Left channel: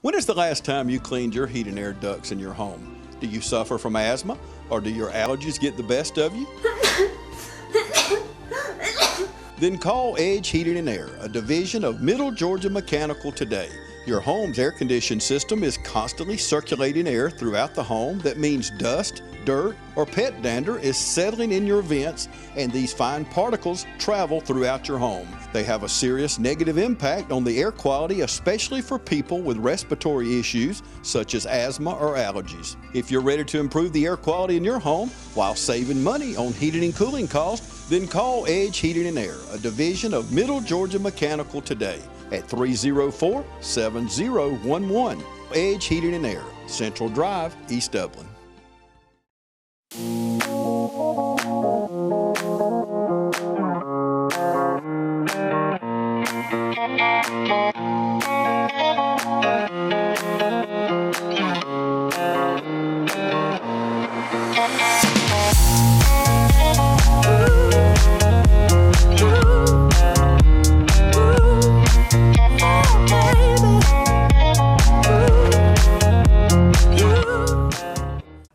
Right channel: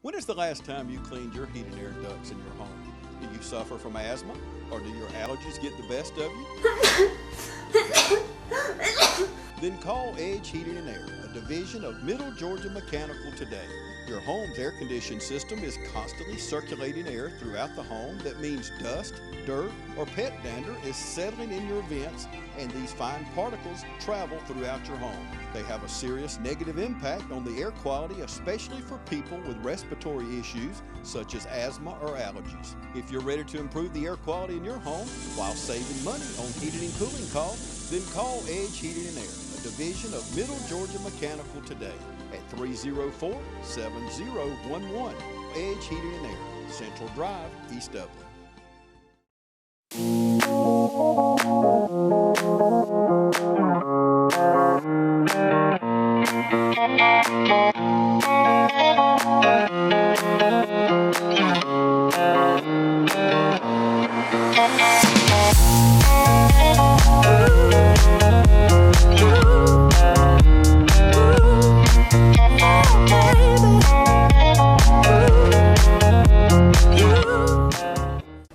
When is the last time you cleaned your heat and air ducts in your home? Do you suffer from asthma, or do your allergies get the best of you? Then call Edge Heating and Air, a division of Middle Georgia Mechanical today. Your home's air conditioning system is constantly circulating air throughout the home. That means dust, dirt, or pet dander is settling in your vents, and these fine particles travel throughout your home. They have a serious negative impact on the air quality, especially for people with respiratory issues such as asthma or allergies. If you're ready to improve the air quality in your home while saving money on heating and cooling costs, then call Edge Heating and Air, a division of Middle Georgia Mechanical today at 304-7011. Edge Heating and Air, Central Drive, East Dublin.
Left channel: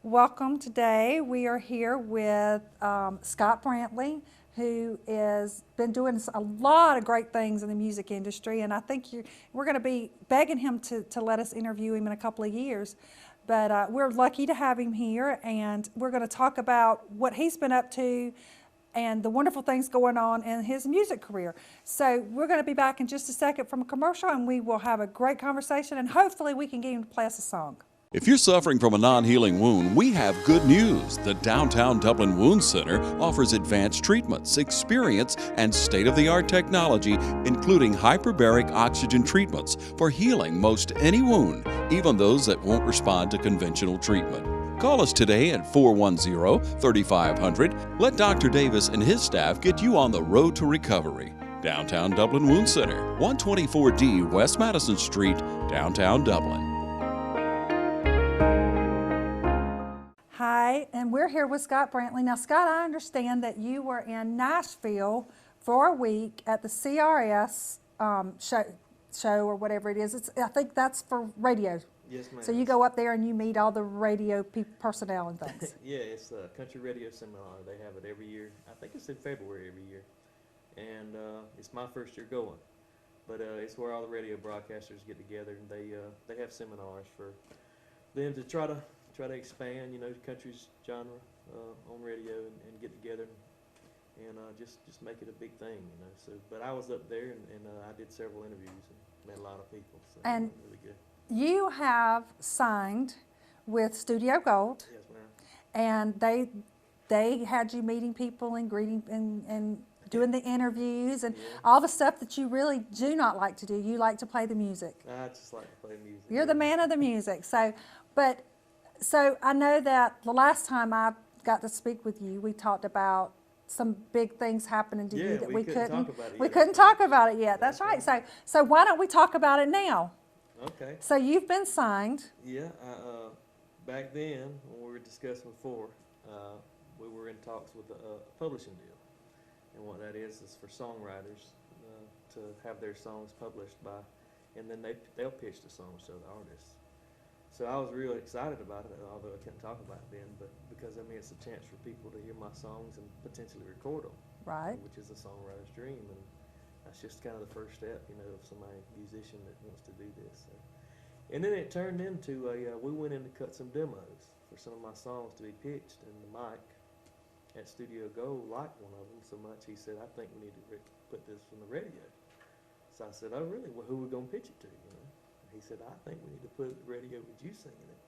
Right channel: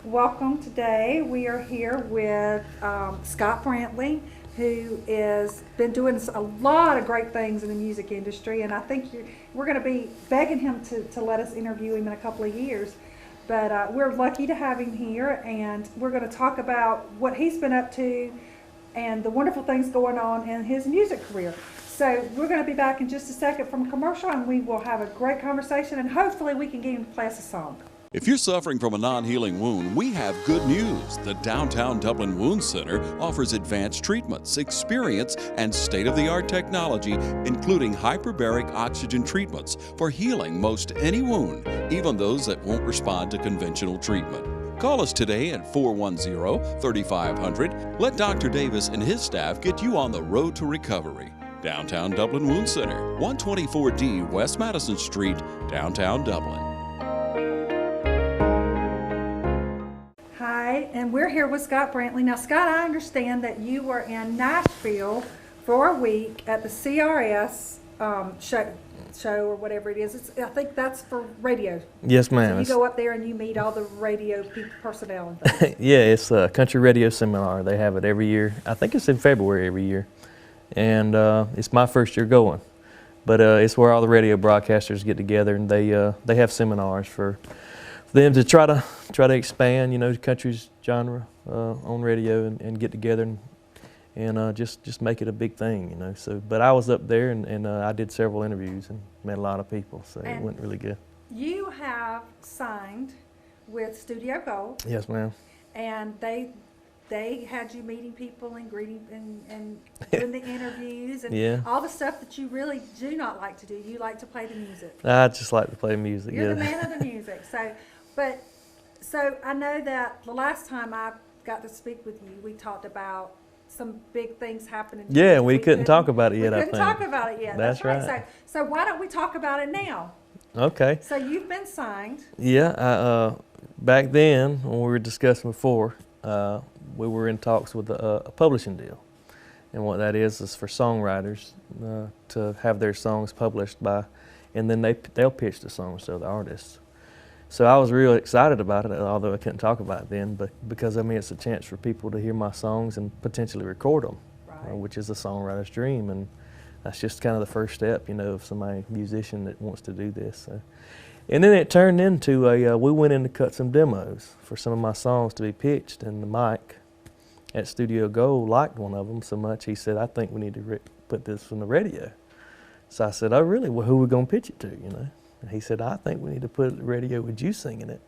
Welcome. Today we are here with Scott Brantley, who has been doing a lot of great things in the music industry, and I think we're going to be begging him to let us interview him in a couple of years. But we're lucky to have him here, and we're going to talk about what he's been up to and the wonderful things going on in his music career. So we're going to be back in just a second from a commercial, and we will have a great conversation, and hopefully we can get him to play us a song. If you're suffering from a non-healing wound, we have good news. The Downtown Dublin Wound Center offers advanced treatments, experience, and state-of-the-art technology, including hyperbaric oxygen treatments for healing most any wound, even those that won't respond to conventional treatment. Call us today at 410-3500. Let Dr. Davis and his staff get you on the road to recovery. Downtown Dublin Wound Center, 124D West Madison Street, downtown Dublin. And we're here with Scott Brantley. Now, Scott, I understand that you were in Nashville for a week at the CRS show or whatever it is. I think that's for radio. Yes, ma'am. So you go up there and you meet all the radio personnel and things. Yeah, it's a country radio seminar. They have it every year. I think it's in February every year. And it's my first year going. But it's where all the radio broadcasters get together, and they have seminars for them to try to expand, the country's genre on radio and get together and just make it a big thing, So, but I was up there and I did several interviews and met a lot of people, so it went really good. You have signed with Studio Gold. Yes, ma'am. And they had you meeting people and greeting and doing the interviews and all the stuff that you really do not like to do. You like to play the music. I just like to play music. You're the man of the music. So I know that the last time I got to speak with you, we talked about some big things happening. Yeah, we couldn't talk about it yet. We couldn't talk about it yet. That's right. So why don't we talk about it now? Okay. So you've been signed. Yeah. Back then, when we were discussing before, we were in talks with a publishing deal. And what that is for songwriters to have their songs published by, and then they'll pitch the songs to the artists. So I was real excited about it, although I couldn't talk about it then, but because it's a chance for people to hear my songs and potentially record them, right. Which is a songwriter's dream, and that's just kind of the first step, of somebody musician that wants to do this. So. And then it turned into we went in to cut some demos for some of my songs to be pitched, and Mike at Studio Gold liked one of them so much he said, "I think we need to put this on the radio." So I said, "Oh, really? Well, who are we gonna pitch it to?" And he said, "I think we need to put it on the radio with you singing it."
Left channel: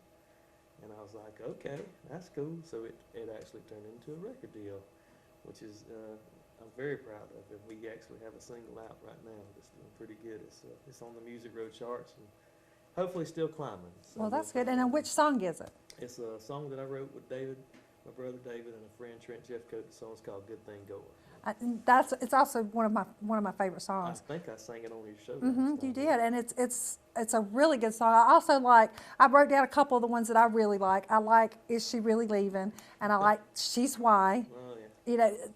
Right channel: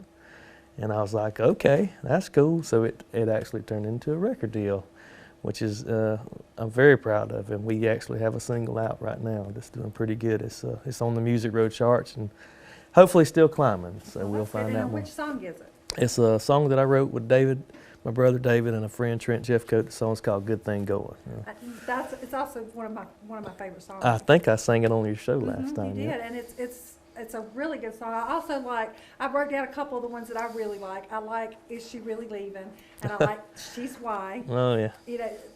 And I was like, "Okay, that's cool." So it actually turned into a record deal, which is I'm very proud of. And we actually have a single out right now that's doing pretty good. It's on the Music Road charts and hopefully still climbing. So we'll find out. And which song is it? It's a song that I wrote with David, my brother David, and a friend Trent Jeffcoat. The song's called "Good Thing Going." It's also one of my favorite songs. I think I sang it on your show last time. You did, and it's a really good song. I also I wrote down a couple of the ones that I really like. I like "Is She Really Leaving?" and I like "She's Why." Oh yeah.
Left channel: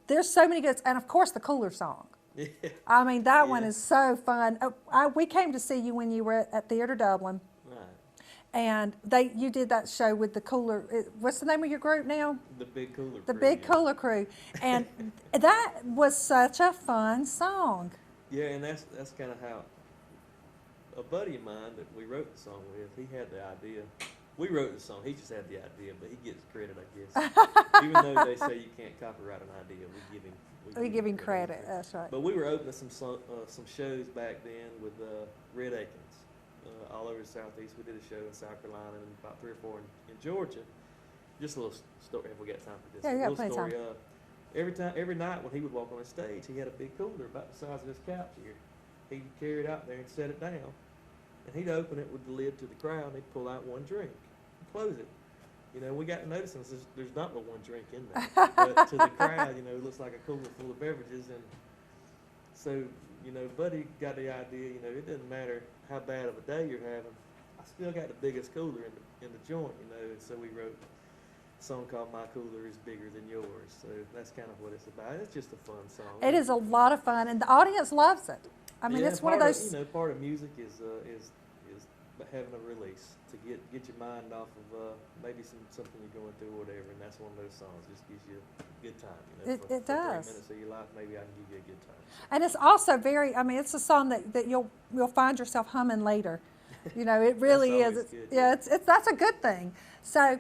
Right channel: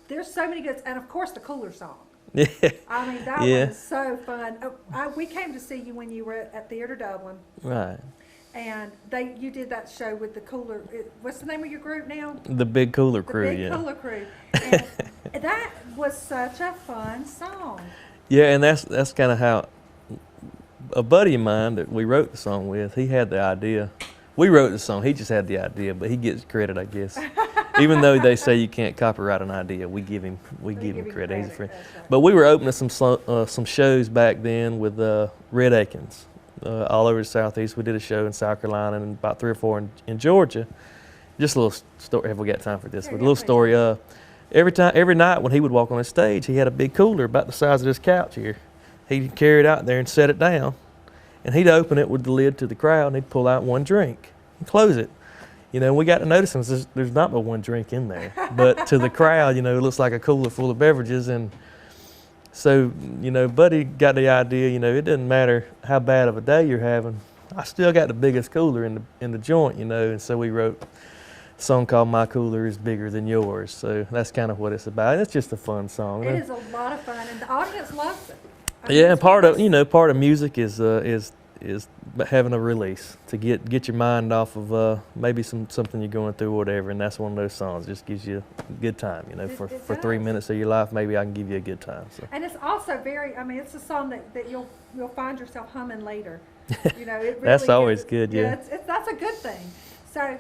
There's so many good, and of course the Cooler song. Yeah. I mean, that one Yeah. is so fun. We came to see you when you were at Theater Dublin, Right. and you did that show with the Cooler. What's the name of your group now? The Big Cooler The Crew. Big Yeah. Cooler Crew, and that was such a fun song. Yeah, and that's kind of how a buddy of mine that we wrote the song with, he had the idea. We wrote the song, he just had the idea, but he gets credit, I guess. Even though they say you can't copyright an idea, we give him credit. He's a friend. That's right. But we were opening some shows back then with Red Akins all over the Southeast. We did a show in South Carolina and about 3 or 4 in Georgia. Just a little story. Have we got time for this? Yeah, But a yeah, little please. story. Every night when he would walk on the stage, he had a big cooler about the size of this couch here. He'd carry it out there and set it down, and he'd open it with the lid to the crowd, and he'd pull out one drink and close it. You know, we got to notice him. There's not but one drink in there, but to the crowd, you know, it looks like a cooler full of beverages. And so, you know, Buddy got the idea. You know, it doesn't matter how bad of a day you're having. I still got the biggest cooler in the joint, you know. And so we wrote a song called "My Cooler Is Bigger Than Yours." So that's kind of what it's about. It's just a fun song. It is a lot of fun, and the audience loves it. I mean, Yeah, it's and part one of part of music is having a release to get your mind off of maybe something you're going through or whatever, and that's one of those songs. Just gives you a good time, you know. It For does. 3 minutes of your life, maybe I can give you a good time. So. And it's also very. I mean, it's a song that you'll find yourself humming later. You know, it really. That's always is. good, yeah. That's a good thing. So,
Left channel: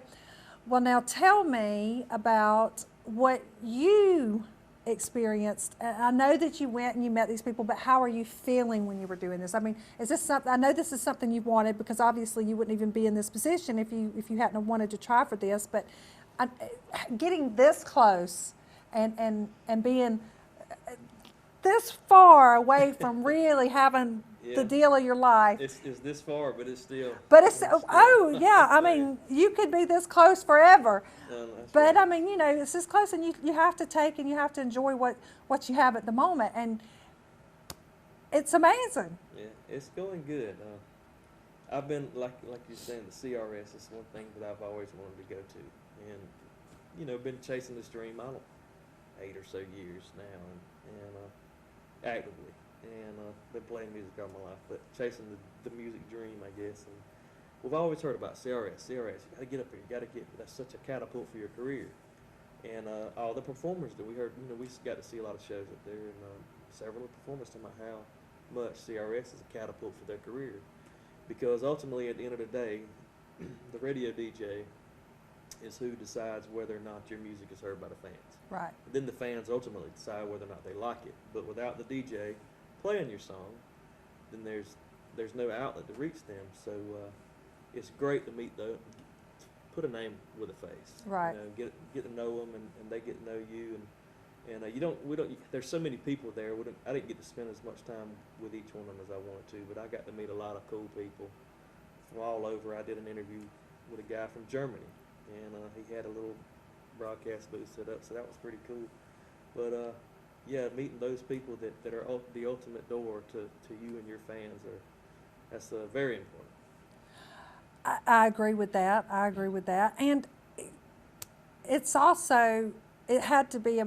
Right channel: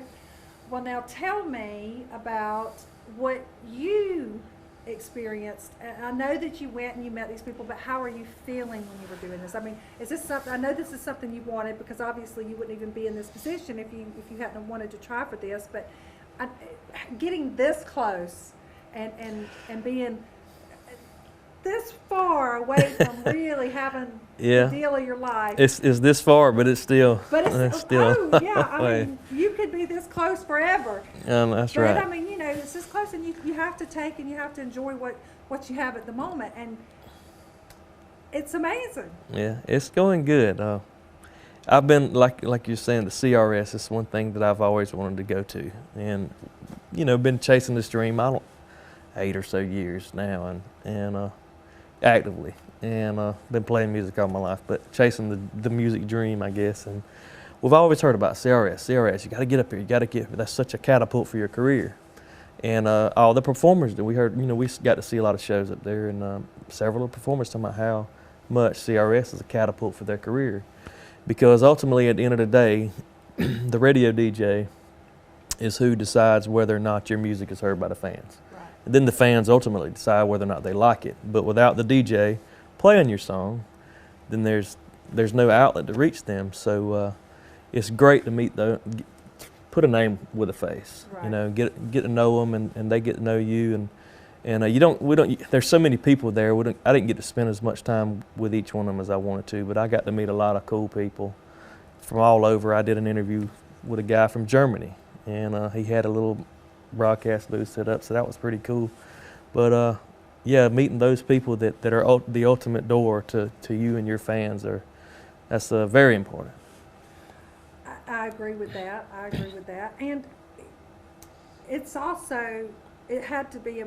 well, now tell me about what you experienced. I know that you went and you met these people, but how are you feeling when you were doing this? I mean, is this something? I know this is something you wanted, because obviously you wouldn't even be in this position if you hadn't wanted to try for this. But getting this close and being this far away from really having Yeah. the deal of your life. It's this far, but it's still. But oh yeah, I mean, you could be this close forever. That's But right. I mean, you know, it's this close, and you have to take and you have to enjoy what you have at the moment, and it's amazing. Yeah, it's going good. I've been like you're saying, the CRS is one thing that I've always wanted to go to, and you know, been chasing this dream. 8 or so years now, and actively, and been playing music all my life, but chasing the music dream, I guess. And we've always heard about CRS. You got to get up here. You got to get. That's such a catapult for your career. And all the performers that we heard, you know, we got to see a lot of shows up there, and several of the performers talking about how much CRS is a catapult for their career, because ultimately, at the end of the day, the radio DJ is who decides whether or not your music is heard by the fans. Right. And then the fans ultimately decide whether or not they like it. But without the DJ playing your song, then there's no outlet to reach them. So it's great to put a name with a face. Right. You know, get to know them, and they get to know you. And there's so many people there. I didn't get to spend as much time with each one of them as I wanted to, but I got to meet a lot of cool people from all over. I did an interview with a guy from Germany, and he had a little broadcast booth set up, so that was pretty cool. But yeah, meeting those people that are the ultimate door to you and your fans, that's very important. I agree with that. And it's also, it had to be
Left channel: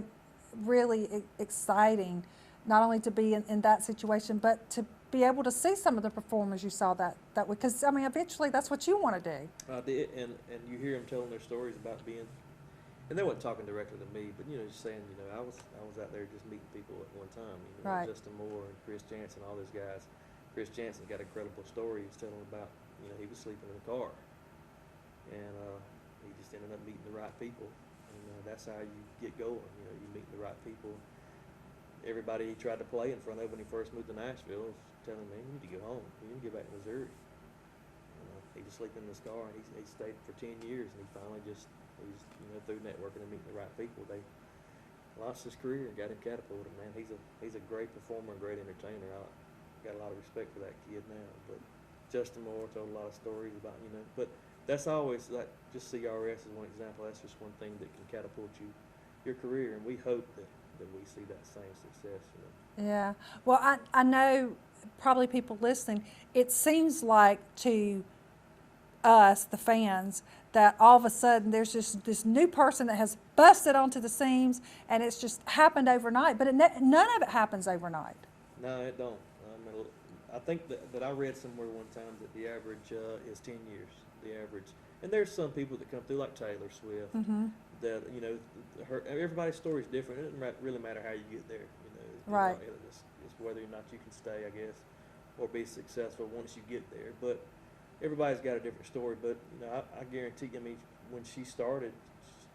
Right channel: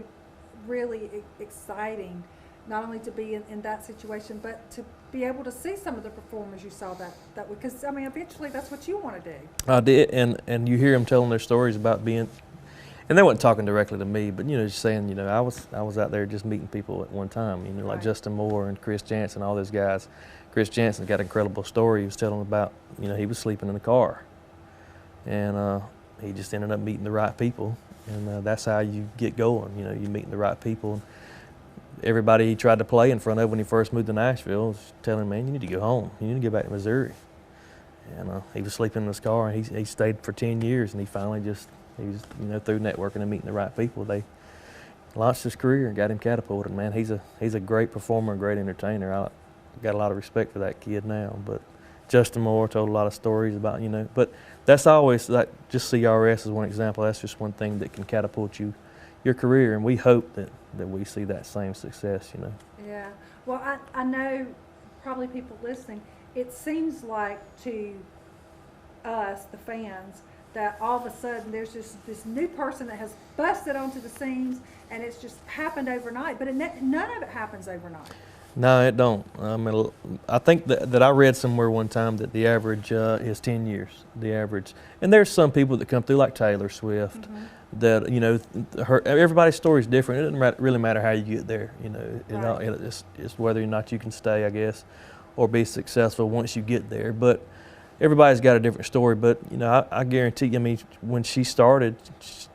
really exciting, not only to be in that situation, but to be able to see some of the performers you saw that way. Because, I mean, eventually that's what you want to do. I did, and you hear them telling their stories about being, and they weren't talking directly to me, but, you know, just saying, you know, I was out there just meeting people at one time, you know, like Right. Justin Moore and Chris Jansen, all those guys. Chris Jansen got an incredible story. He was telling about, you know, he was sleeping in a car, and he just ended up meeting the right people, and that's how you get going. You know, you meeting the right people. And everybody he tried to play in front of when he first moved to Nashville was telling him, man, you need to go home. You need to get back to Missouri. And he was sleeping in his car, and he stayed for 10 years, and he finally he was, you know, through networking and meeting the right people, they launched his career and got him catapulted. Man, he's a great performer, a great entertainer. I got a lot of respect for that kid now. But Justin Moore told a lot of stories about, you know, but that's always, like, just CRS is one example. That's just one thing that can catapult your career, and we hope that we see that same success, you know. Yeah. Well, I know probably people listening, it seems like to us, the fans, that all of a sudden there's just this new person that has busted onto the scenes, and it's just happened overnight. But none of it happens overnight. No, it don't. I mean, I think that I read somewhere one time that the average is 10 years, the average. And there's some people that come through like Taylor Swift that, you know, everybody's story is different. It doesn't really matter how you get there, you know. Right. It's whether or not you can stay, I guess, or be successful once you get there. But everybody's got a different story. But, you know, I guarantee you, I mean, when she started,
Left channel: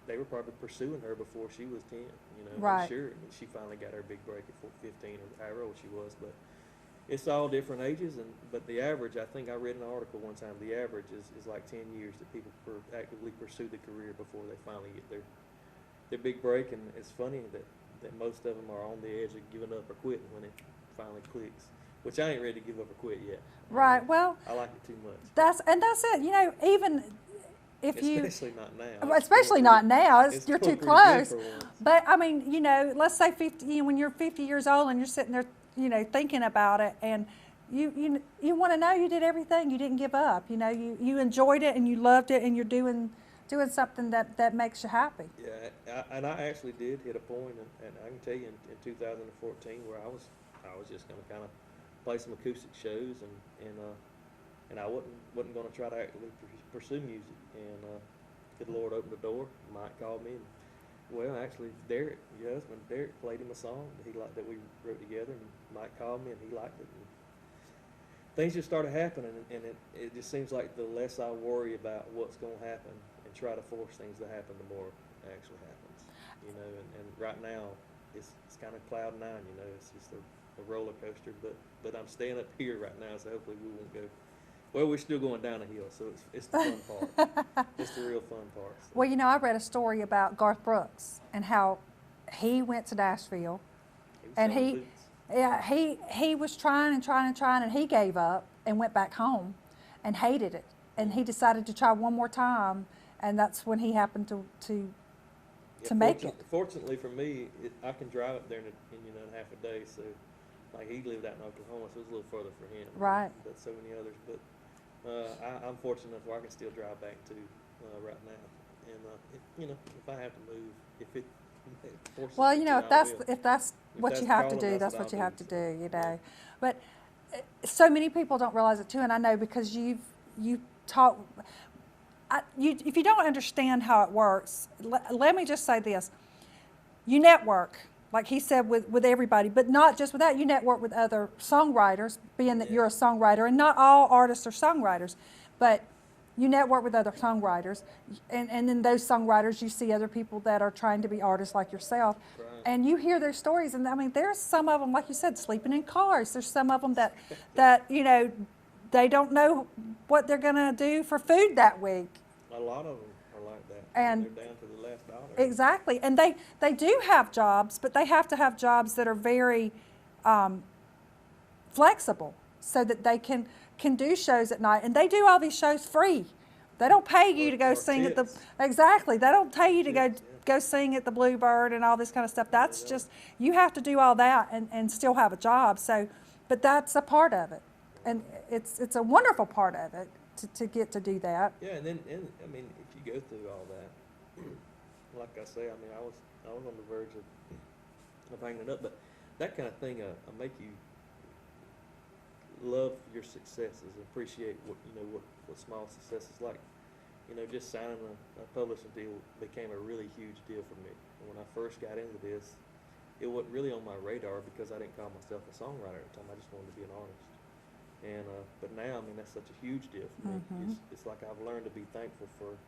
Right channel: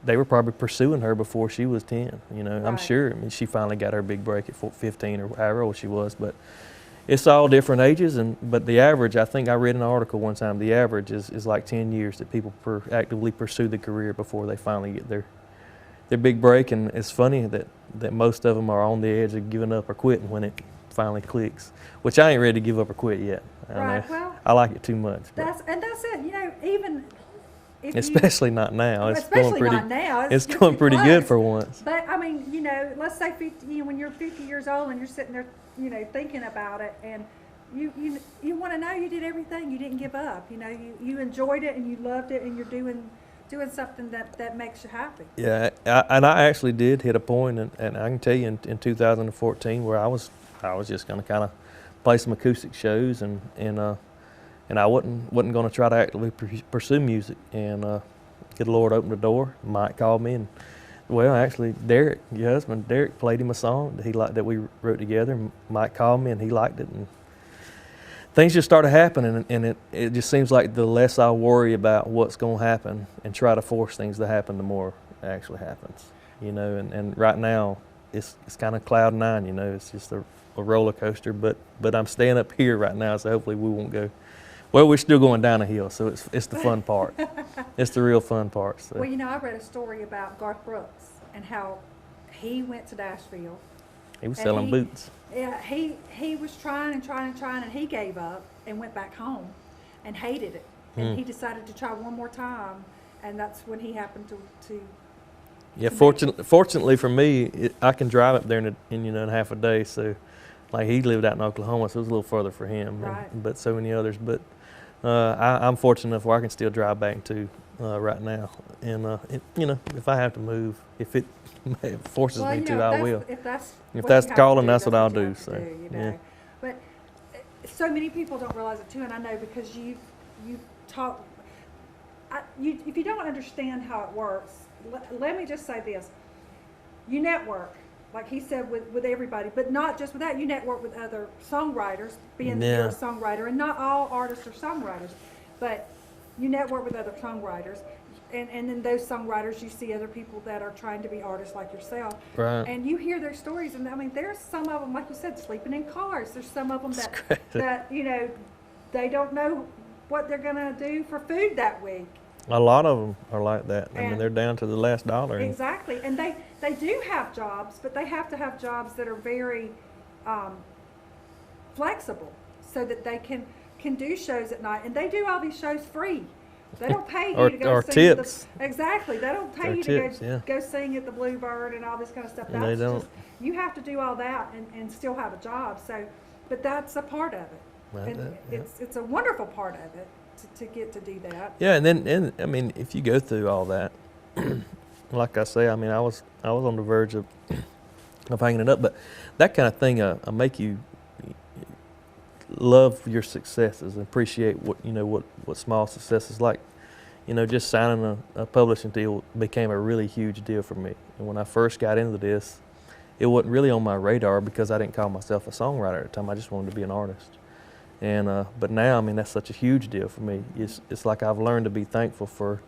they were probably pursuing her before she was 10, you know. Right. I'm sure. I mean, she finally got her big break at 15 or however old she was. But it's all different ages. But the average, I think I read an article one time, the average is like 10 years that people actively pursue the career before they finally get their big break. And it's funny that most of them are on the edge of giving up or quitting when it finally clicks, which I ain't ready to give up or quit yet. Right. Well, I like it too much. That's it. You know, even if especially not now. Especially not now. It's going pretty good for once. But I mean, you know, let's say 50. You know, when you're 50 years old and you're sitting there, you know, thinking about it, and you want to know you did everything. You didn't give up. You know, you enjoyed it and you loved it, and you're doing something that makes you happy. Yeah, and I actually did hit a point, and I can tell you in 2014 where I was just going to kind of play some acoustic shows, and I wasn't going to try to actively pursue music. And good Lord opened the door. Mike called me, and well, actually, Derek, your husband, Derek played him a song that he liked that we wrote together. Mike called me, and he liked it, and things just started happening. And it just seems like the less I worry about what's going to happen and try to force things to happen, the more it actually happens. You know, and right now it's kind of cloud nine. You know, it's just a roller coaster, but I'm staying up here right now, so hopefully we won't go. Well, we're still going down a hill, so it's the fun part. It's the real fun part. So. Well, you know, I read a story about Garth Brooks and how he went to Nashville. He was selling boots. Yeah, he was trying, and he gave up and went back home and hated it. And he decided to try one more time, and that's when he happened to yeah, fortunately for me, I can drive up there in half a day, so. Like he lived out in Oklahoma, so it was a little further for him. Right. But so many others. But I'm fortunate enough where I can still drive back to right now. And you know, if I have to move, if it forces me to, I will. If that's calling, that's what I'll do. So, you know. Yeah. But so many people don't realize it too, and I know because you talk. If you don't understand how it works, let me just say this: you network. Like he said, with everybody, but not just with that. You network with other songwriters, being that you're a songwriter, and not all artists are songwriters, but you network with other songwriters, and then those songwriters, you see other people that are trying to be artists like yourself, right. And you hear their stories, and I mean, there's some of them, like you said, sleeping in cars. There's some of them that you know, they don't know what they're gonna do for food that week. A lot of them are like that. I mean, they're down to the last dollar. Exactly. And they do have jobs, but they have to have jobs that are very flexible so that they can do shows at night. And they do all these shows free. They don't pay you to go sing at the, exactly. They don't pay you to go sing at the Bluebird and all this kind of stuff. That's just, you have to do all that and still have a job. So, but that's a part of it. And it's a wonderful part of it. To get to do that. Yeah, and I mean, if you go through all that, like I say, I mean, I was on the verge of hanging it up, but that kind of thing make you love your successes and appreciate what small successes like. You know, just signing a publishing deal became a really huge deal for me. And when I first got into this, it wasn't really on my radar because I didn't call myself a songwriter at the time. I just wanted to be an artist. And but now, I mean, that's such a huge deal for me. It's like I've learned to be thankful for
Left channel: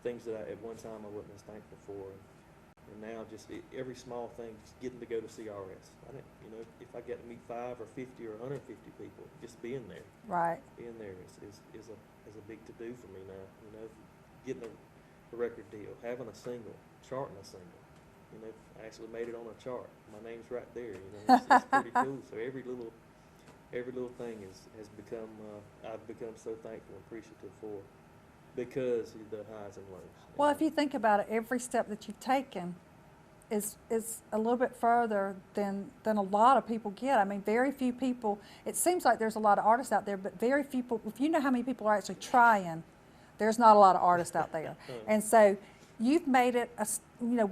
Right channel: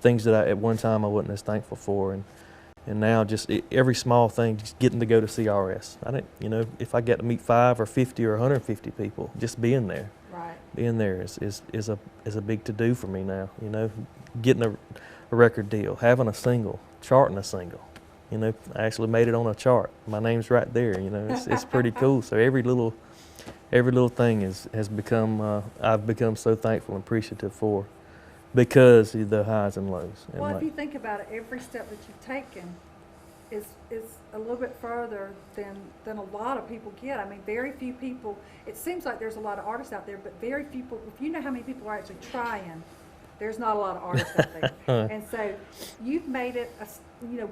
things that at one time I wasn't as thankful for, and now just every small thing, just getting to go to CRS. I didn't, you know, if I get to meet 5 or 50 or 150 people, just being there, being there is a big to do for me now. You know, getting a record deal, having a single, charting a single. You know, I actually made it on a chart. My name's right there. You know, it's pretty cool. So every little thing has become, I've become so thankful and appreciative for because of the highs and lows. And well, if you think about it, every step that you've taken is a little bit further than a lot of people get. I mean, very few people, it seems like there's a lot of artists out there, but very few people, if you know how many people are actually trying There's not a lot of artists out there. And so you've made it,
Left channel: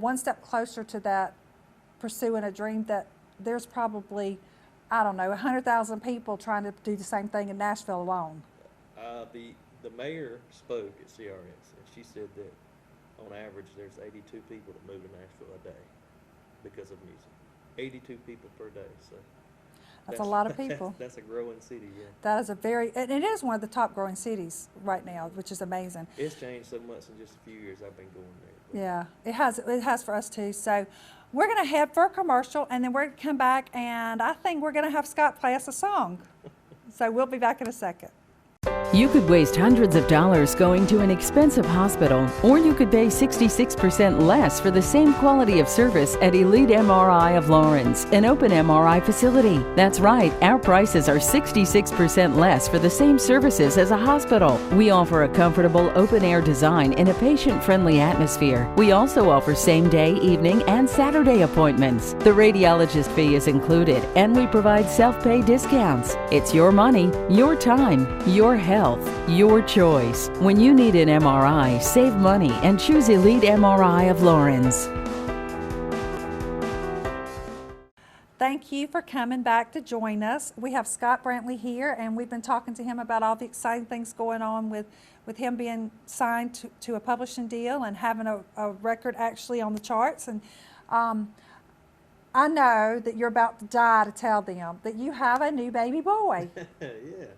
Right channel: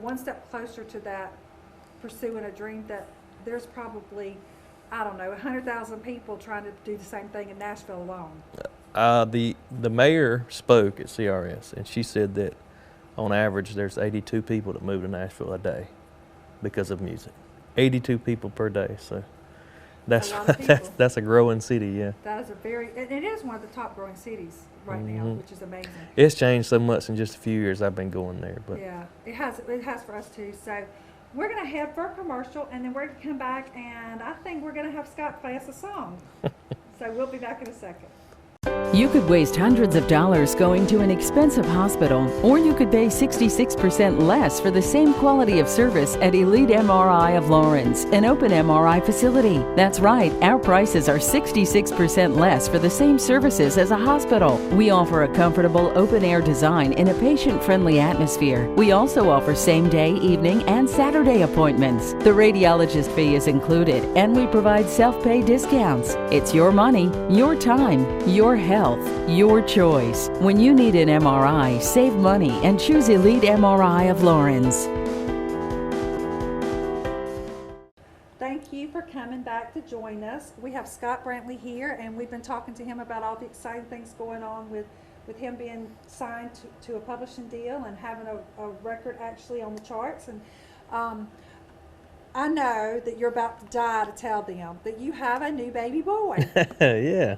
one step closer to that, pursuing a dream that there's probably, I don't know, 100,000 people trying to do the same thing in Nashville alone. The mayor spoke at CRS, and she said that on average there's 82 people that move to Nashville a day because of music. 82 people per day, so That's a lot of people. that's a growing city, yeah. That is and it is one of the top growing cities right now, which is amazing. It's changed so much in just a few years I've been going there. But yeah, it has for us too. So we're going to head for a commercial, and then we're going to come back, and I think we're going to have Scott play us a song. So we'll be back in a second. You could waste hundreds of dollars going to an expensive hospital, or you could pay 66% less for the same quality of service at Elite MRI of Lawrence, an open MRI facility. That's right, our prices are 66% less for the same services as a hospital. We offer a comfortable open-air design in a patient-friendly atmosphere. We also offer same-day, evening, and Saturday appointments. The radiologist fee is included, and we provide self-pay discounts. It's your money, your time, your health, your choice. When you need an MRI, save money and choose Elite MRI of Lawrence. Thank you for coming back to join us. We have Scott Brantley here, and we've been talking to him about all the exciting things going on with him being signed to a publishing deal and having a record actually on the charts. And I know that you're about to die to tell them that you have a new baby boy. Yeah.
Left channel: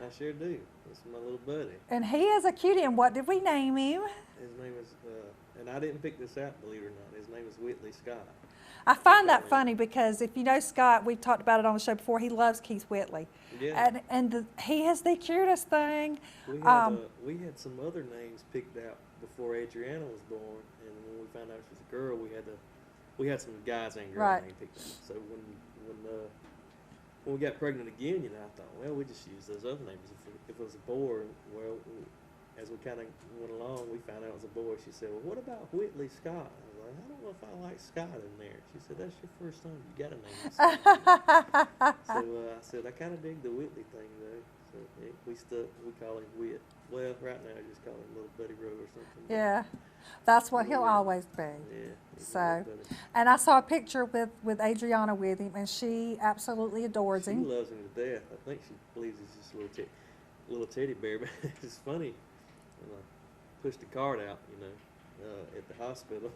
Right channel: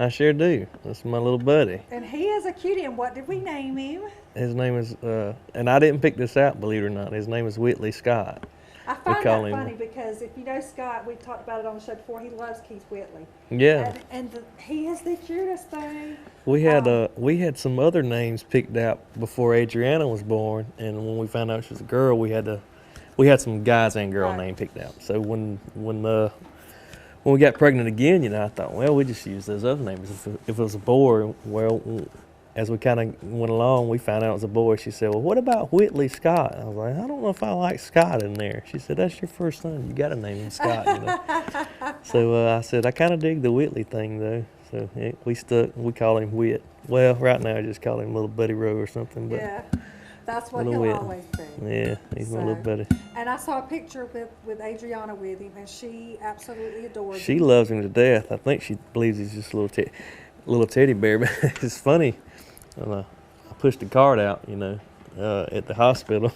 I sure do. That's my little buddy. And he is a cutie. And what did we name him? His name is, and I didn't pick this out, believe it or not. His name is Whitley Scott. I find that funny because if you know Scott, we've talked about it on the show before, he loves Keith Whitley. Yeah. And he is the cutest thing. We had some other names picked out before Adriana was born, and when we found out she was a girl, we had some guys and girl name picked out. So when we got pregnant again, I thought, well, we just use those other names. If it was a boy, well, as we kind of went along, we found out it was a boy. She said, well, what about Whitley Scott? I was like, I don't know if I like Scott in there. She said, that's your first son. You got to name him Scott. So I said, I kind of dig the Whitley thing, though. So we call him Whit. Well, right now I just call him Little Buddy Rowe or something. But yeah. That's what he'll always be. Yeah, he's my little buddy. And I saw a picture with Adriana with him, and she absolutely adores him. She loves him to death. I think she believes he's just a little teddy bear. But it's funny. I pushed the cart out, at the hospital.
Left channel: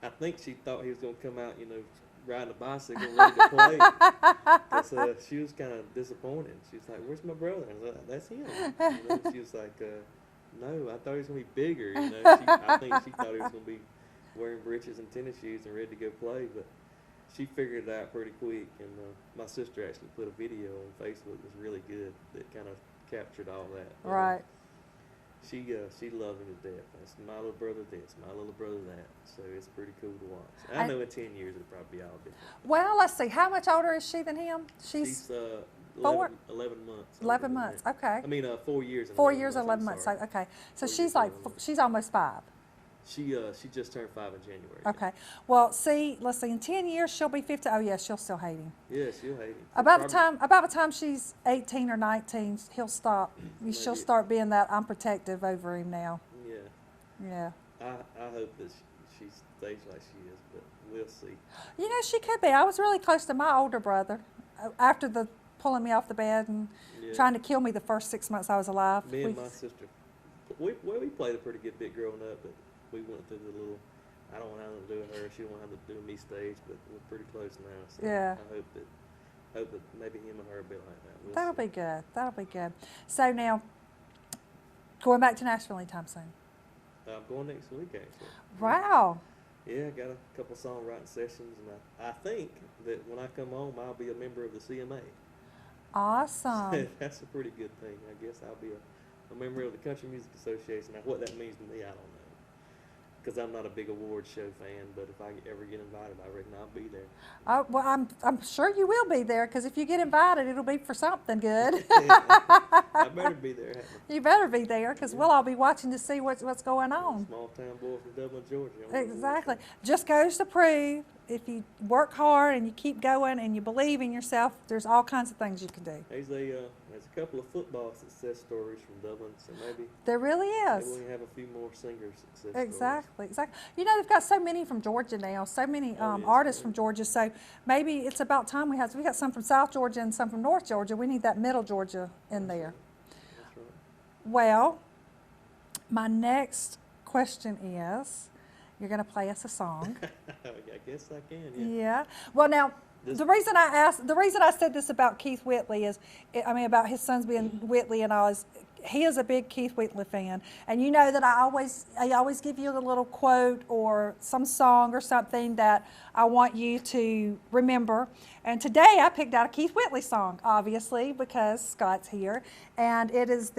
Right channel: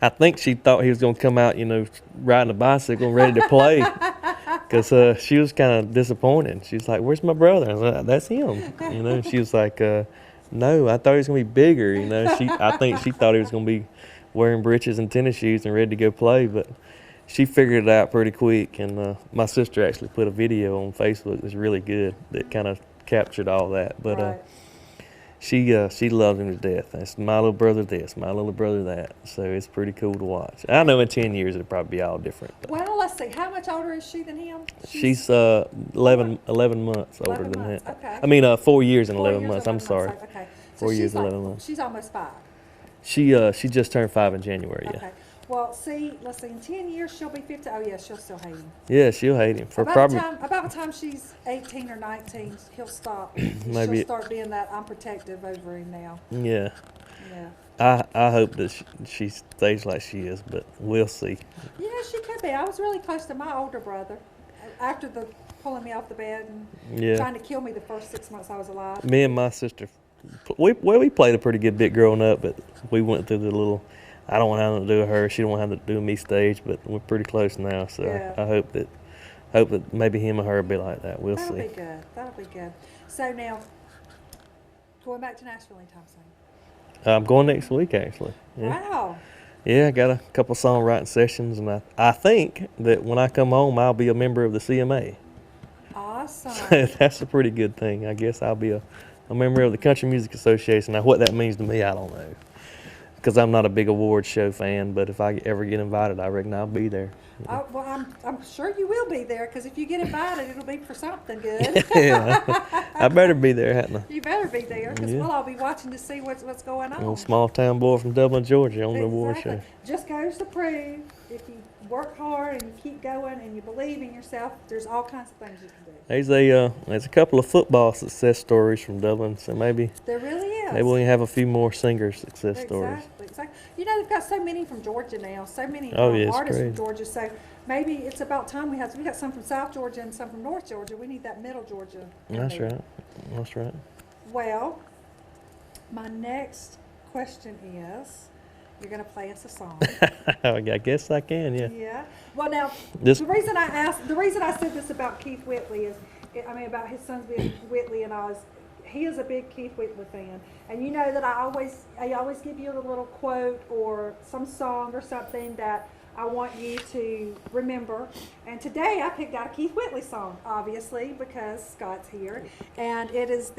I think she thought he was going to come out, riding a bicycle, ready to play. Because she was kind of disappointed. She was like, where's my brother? I was like, that's him. She was like, no, I thought he was going to be bigger, I think she thought he was going to be wearing breeches and tennis shoes and ready to go play, but she figured it out pretty quick. And my sister actually put a video on Facebook that was really good that kind of captured all that. But she loves him to death. That's my little brother this, my little brother that. So it's pretty cool to watch. I know in 10 years it'll probably be all different. Well, let's see. How much older is she than him? She's 11 months older than that. Okay. I mean, 4 years and 11 months. I'm sorry. Okay. So 4 years and 11 months. She's almost 5. She just turned 5 in January. Okay. Yeah. Well, let's see. In 10 years, she'll be 50. Oh, yeah, she'll still hate him. Yeah, she'll hate him. About the time she's 18 or 19, he'll stop. She'll start being that I'm protective over him now. Yeah. Yeah. I hope that she stays like she is, but we'll see. She could be. I was really close to my older brother after the pulling me off the bed and trying to kill me the first 6 months I was alive. Me and my sister, we played a pretty good bit growing up, but we went through the little, I don't want to have nothing to do with her, she don't want to have to do with me stage, but we're pretty close now, so I hope that maybe him or her will be like that. We'll see. That'll be good. That'll be good. So now, going back to Nashville anytime soon? I'm going next week, actually. Yeah. Wow. Yeah, I got a couple songwriting sessions, and I think that when I come home, I'll be a member of the CMA. Awesome. So that's a pretty good thing. I guess I'll be a member of the Country Music Association. Now, what that means to me, I don't know, because I'm not a big award show fan, but if I ever get invited, I reckon I'll be there. Well, I'm sure you will be there, because if you get invited, it'll be for something good. Yeah, I better be there, hadn't I? You better be there, because we'll all be watching to see what's going on. A small town boy from Dublin, Georgia on the award show. Just goes to prove, if you work hard and you keep going and you believe in yourself, there's all kinds of things you can do. There's a couple of football success stories from Dublin, so maybe there really is. Maybe we can have a few more singer success stories. Exactly, exactly. You know, they've got so many from Georgia now, so many Oh, yeah, it's artists from crazy. Georgia. So maybe it's about time we got some from South Georgia and some from North Georgia. We need that middle Georgia in That's there. right. That's right. Well, my next question is, you're going to play us a song. I guess I can, yeah. Yeah. Well, now This- the reason I said this about Keith Whitley is, I mean, about his sons being Whitley and all, is he is a big Keith Whitley fan, and you know that I always give you a little quote or some song or something that I want you to remember. And today I picked out a Keith Whitley song, obviously because Scott's here, and it is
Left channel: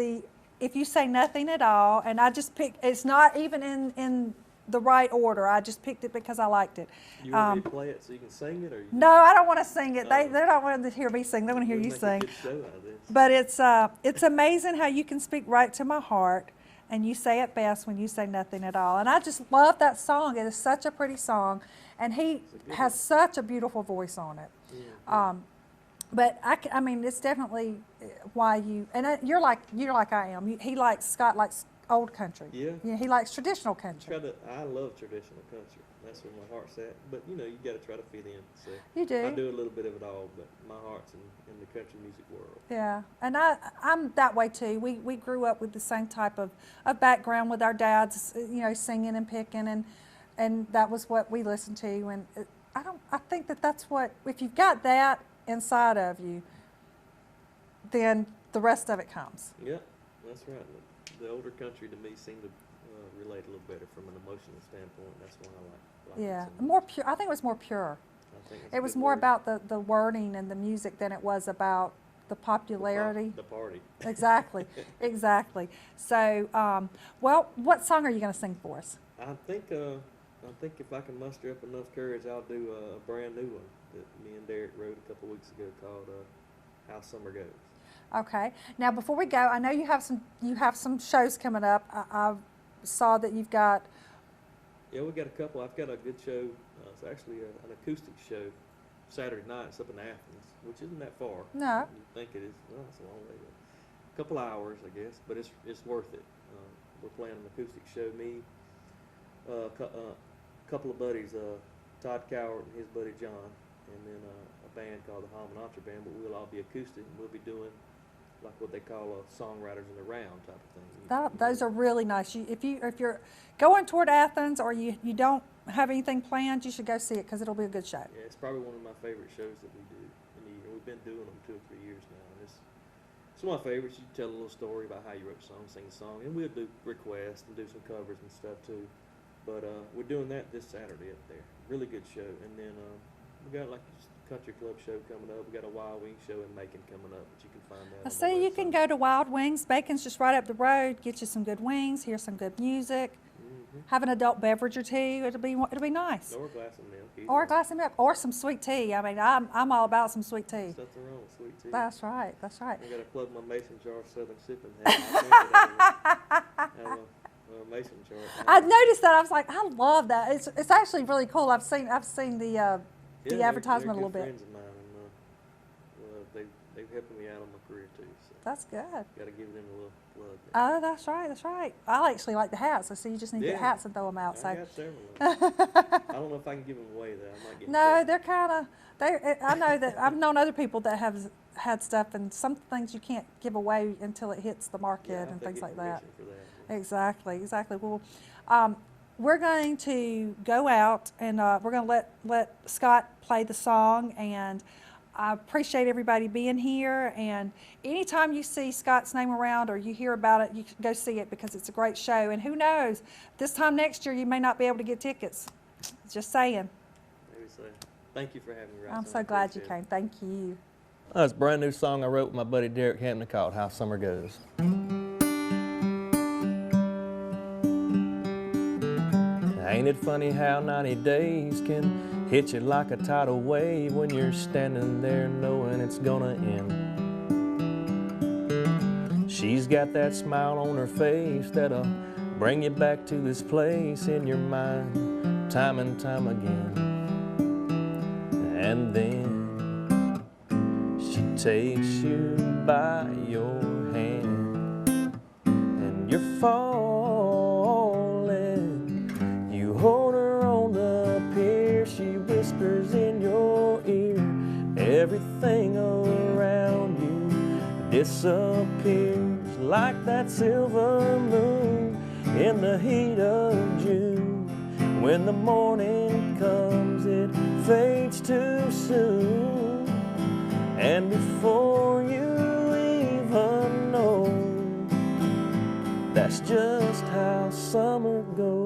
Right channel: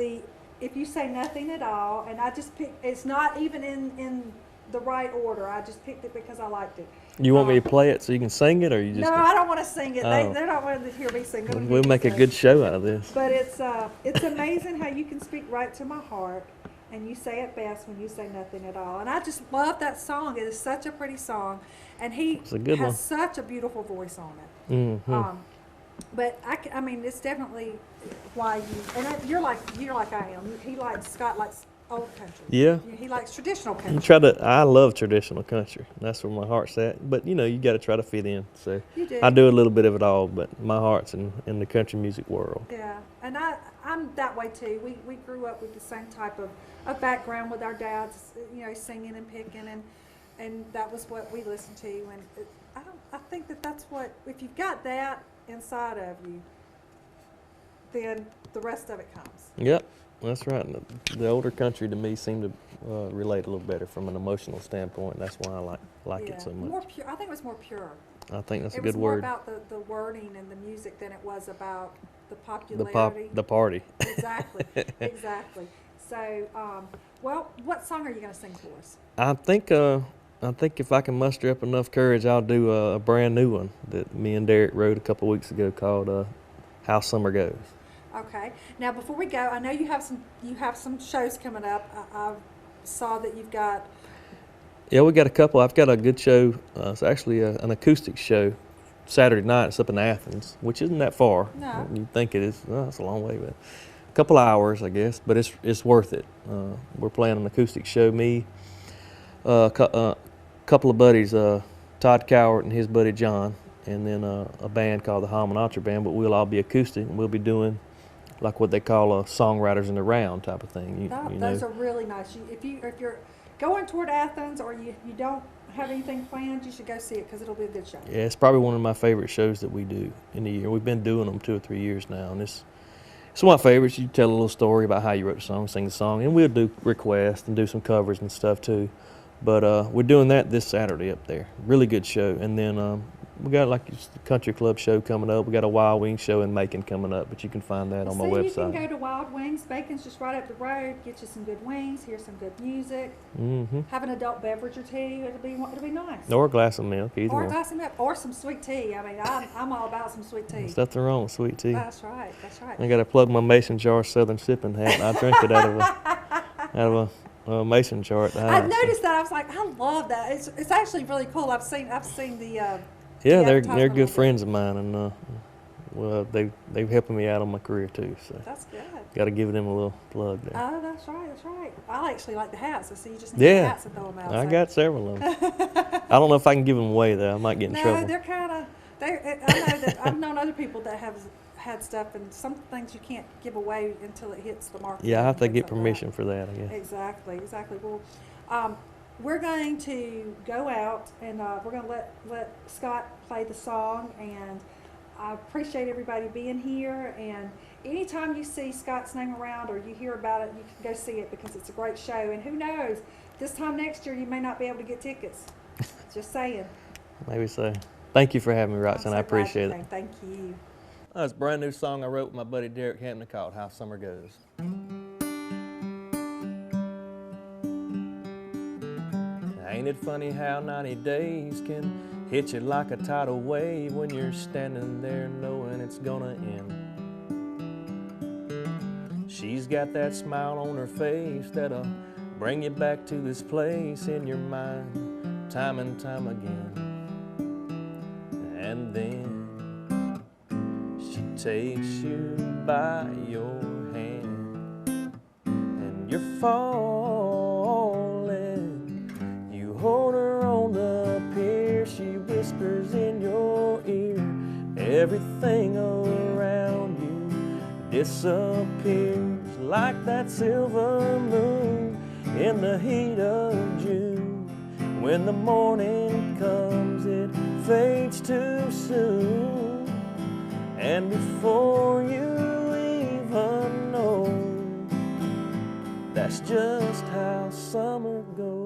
If You Say Nothing at All, and I just picked. It's not even in the right order. I just picked it because I liked it. You want me to play it so you can sing it, or you just? No, I don't want to sing it. Oh. They don't want to hear me sing. They want to hear We'll me make sing. a good show out of this. But it's amazing how you can speak right to my heart, and you say it best when you say nothing at all. And I just love that song. It is such a pretty song, and he It's a good has one. such a beautiful voice on it. Mhm. But I mean, it's definitely why you're like I am. Scott likes old country. Yeah. He likes traditional You country. I love traditional country. That's where my heart's at. But you know, you got to try to fit in. So You do. I do a little bit of it all, but my heart's in the country music world. Yeah, and I'm that way too. We grew up with the same type of background with our dads, you know, singing and picking, and that was what we listened to. And I think that's what, if you've got that inside of you, then the rest of it comes. Yep, that's right. The older country to me seemed to relate a little better from an emotional standpoint. That's why I like Yeah, it so much. more pure. I think it was more pure. I think that's a It good was more word. about the wording and the music than it was about the popularity. The party. Exactly, exactly. So, well, what song are you going to sing for us? I think if I can muster up enough courage, I'll do a brand new one that me and Derek wrote a couple weeks ago called "How Summer Goes." Okay. Now, before we go, I know you have some shows coming up. I saw that you've got. Yeah, we got a couple. I've got a good show. It's actually an acoustic show. Saturday night. It's up in Athens, which isn't that far. No. You think it is? Well, it's a long way, but a couple hours, I guess. But it's worth it. We're playing an acoustic show. Me, couple of buddies, Todd Cowart and his buddy John, and then a band called the Hamanatra Band. But we'll all be acoustic, and we'll be doing like what they call songwriters in the round type of thing. Those are really nice. If you're going toward Athens or you don't have anything planned, you should go see it because it'll be a good show. Yeah, it's probably one of my favorite shows that we do in the year. We've been doing them 2 or 3 years now, and it's one of my favorites. You tell a little story about how you wrote the song, sing the song, and we'll do requests and do some covers and stuff too. But we're doing that this Saturday up there. Really good show. And then we got like a country club show coming up. We got a Wild Wings show in Macon coming up, but you can find that on my So website. you can go to Wild Wings. Bacon's just right up the road. Get you some good wings. Hear some good music. Mm-hmm. Have an adult beverage or two. It'll be nice. Or a glass of milk, either Or a one. glass of milk, or some sweet tea. I mean, I'm all about some sweet tea. There's nothing wrong with sweet tea. That's right. That's right. I got to plug my mason jar Southern sipping hat. I drink it out of a mason jar. I noticed that. I was like, I love that. It's actually really cool. I've seen the. Yeah, the they're advertisement a good little bit. friends of mine, and well, they've helping me out on my career too. So That's good. got to give them a little plug there. Oh, that's right. That's right. I actually like the hats. So you just need the Yeah, hats to throw them out. I so. got several of them. I don't know if I can give them away though. I might get in No, trouble. they're kind of. I know that I've known other people that have had stuff, and some things you can't give away until it hits the market. Yeah, I have to and get things like permission for that. I guess. Exactly. Well, we're going to go out and we're going to let Scott play the song, and I appreciate everybody being here. And anytime you see Scott's name around or you hear about it, you can go see it because it's a great show. And who knows, this time next year you may not be able to get tickets. Just saying. Maybe so. Thank you for having me, I'm Roxanne. so I glad you appreciate it. came. Thank you. It's a brand new song I wrote with my buddy Derek Hampton called "How Summer Goes." Ain't it funny how 90 days can hit you like a tidal wave when you're standing there knowing it's gonna end? She's got that smile on her face that'll bring you back to this place in your mind time and time again. And then she takes you by your hand and you're falling. You hold her on the pier, she whispers in your ear. Everything around you disappears like that silver moon in the heat of June. When the morning comes, it fades too soon, and before you even know, that's just how summer goes.